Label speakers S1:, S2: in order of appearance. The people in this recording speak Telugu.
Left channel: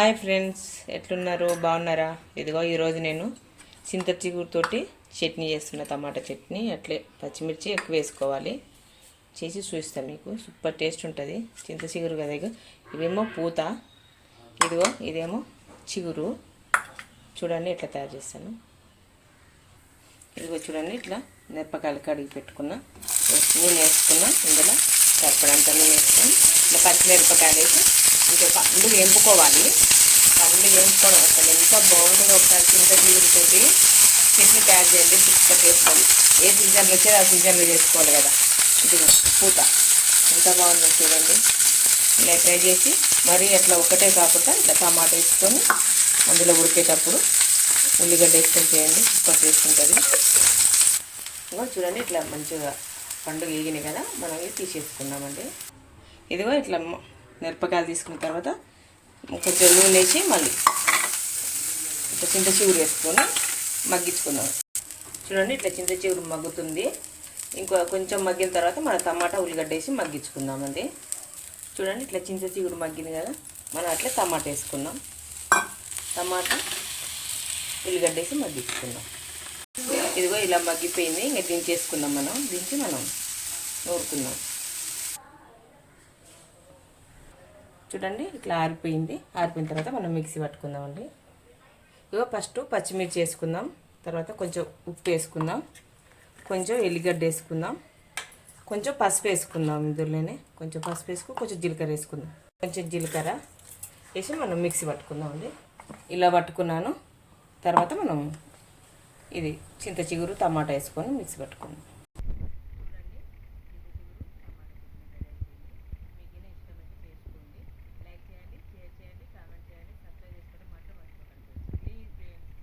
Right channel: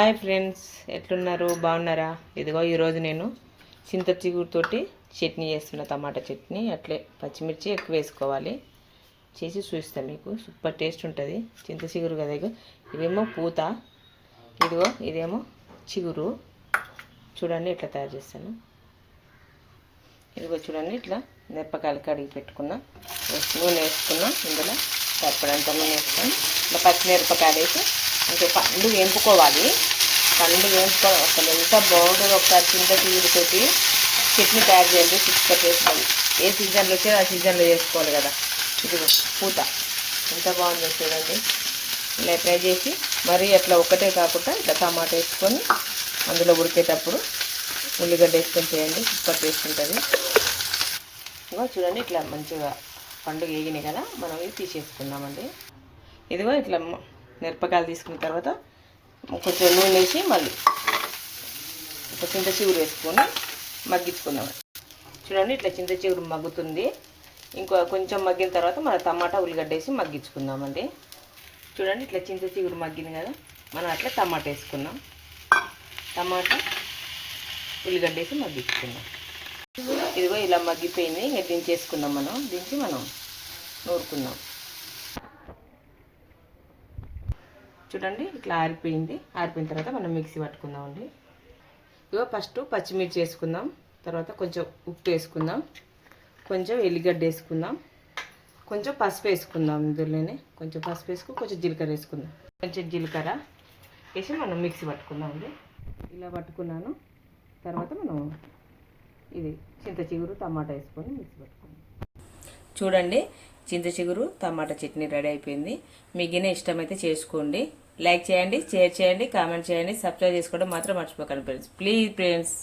S1: హాయ్ ఫ్రెండ్స్ ఎట్లున్నారు? బాగున్నారా? ఇదిగో ఈరోజు నేను చింత చిగురుతోటి చట్నీ చేస్తున్న టమాటా చట్నీ అట్లే పచ్చిమిర్చి ఎక్కువ వేసుకోవాలి. చేసి చూపిస్తాను మీకు. సూపర్ టేస్ట్ ఉంటుంది. చింత చిగురు కదా ఇగో. ఇవేమో పూత ఇదిగో ఇదేమో చిగురు. చూడండి ఇట్లా తయారు చేస్తాను. ఇదిగో చూడండి ఇట్లా మిరపకాయలు కడిగి పెట్టుకున్నా. నూనె వేసుకున్నా. ఇందులో సరిపడంత నూనె వేసుకొని ఇట్లా పచ్చిమిరపకాయలు వేసి ఇంకా పండు వేంపుకోవాలి. పండు వేంపుకోవడం అసలు ఎంత బాగుంటుందో ఒకసారి చింత తీరుతోటి చట్నీ తయారు చేయండి. సూపర్ వేసుకోవాలి. ఏ సీజన్లో వచ్చేది ఆ సీజన్లో చేసుకోవాలి కదా. ఇదిగో పూత. ఎంత బాగుందో చూడండి. ఇలా ట్రై చేసి మరీ అట్లా ఒక్కటే కాకుండా ఇట్లా టమాటా వేసుకొని అందులో ఉడికేటప్పుడు ఉల్లిగడ్డ వేసుకొని చేయండి. సూపర్ చేసుకుంటుంది ఇదిగో చూడండి ఇట్లా మంచిగా పండు వేగినాయి కదా. మనం తీసేసుకున్నామండి తీసేసుకుందామండి. ఇదిగో ఇట్లా మిరపకాయలు తీసుకున్న తర్వాత కొంచెం నూనె వేసి మళ్ళీ ఇట్లా చింత చిగురు వేసుకొని మగ్గించుకుందాం. చూడండి ఇట్లా చింత చిగురు మగ్గుతుంది. ఇంకో కొంచెం మగ్గిన తర్వాత మన టమాటా ఉల్లిగడ్డ వేసి మగ్గించుకుందామండి. చూడండి ఇట్లా చింత చిగురు మగ్గింది కదా మనం అట్లా టమాటా వేసుకుందాం. టమాటా ఉల్లిగడ్డ వేసి మగ్గించుకుందాం. ఇదిగో ఇలా మగ్గిపోయింది. ఇంకా దించేసుకుందాం మనం. దించి మనం నూరుకుందాం. చూడండి ఇట్లా ఆరిపోయింది. ఆరిపోయిన తర్వాత మనం మిక్సీ పట్టుకుందామండి. ఇగో ఫస్ట్ పచ్చిమిర్చి వేసుకుందాం. తర్వాత కొంచెం ఉప్పు వేసుకుందాం. కొంచెం ఎల్లిగడ్డ వేసుకుందాం. కొంచెం పసుపు వేసుకుందాం ఇందులోనే. కొంచెం పసుపు వేసుకుని కొంచెం జీలకర్ర వేసుకుందాం. కొంచెం జీలకర్ర వేసి మనం మిక్సీ పట్టుకుందాం అండి ఇలా పట్టుకున్నాను. తర్వాత మనం ఇది చింత చిగురు టమాటా వేసుకొని మిక్సీ పట్టుకుందాం. చూడండి చింత చిగురు టమాటా చట్నీ రెడీ అయిపోయింది. మిగిన ఇష్టమైతే చేసుకోండి. లైక్ చేయండి షేర్ చేయండి కామెంట్ చేయండి. సబ్స్క్రైబ్ చేసుకోవడం మాత్రం మర్చిపోకండి ఫ్రెండ్స్. Please friends.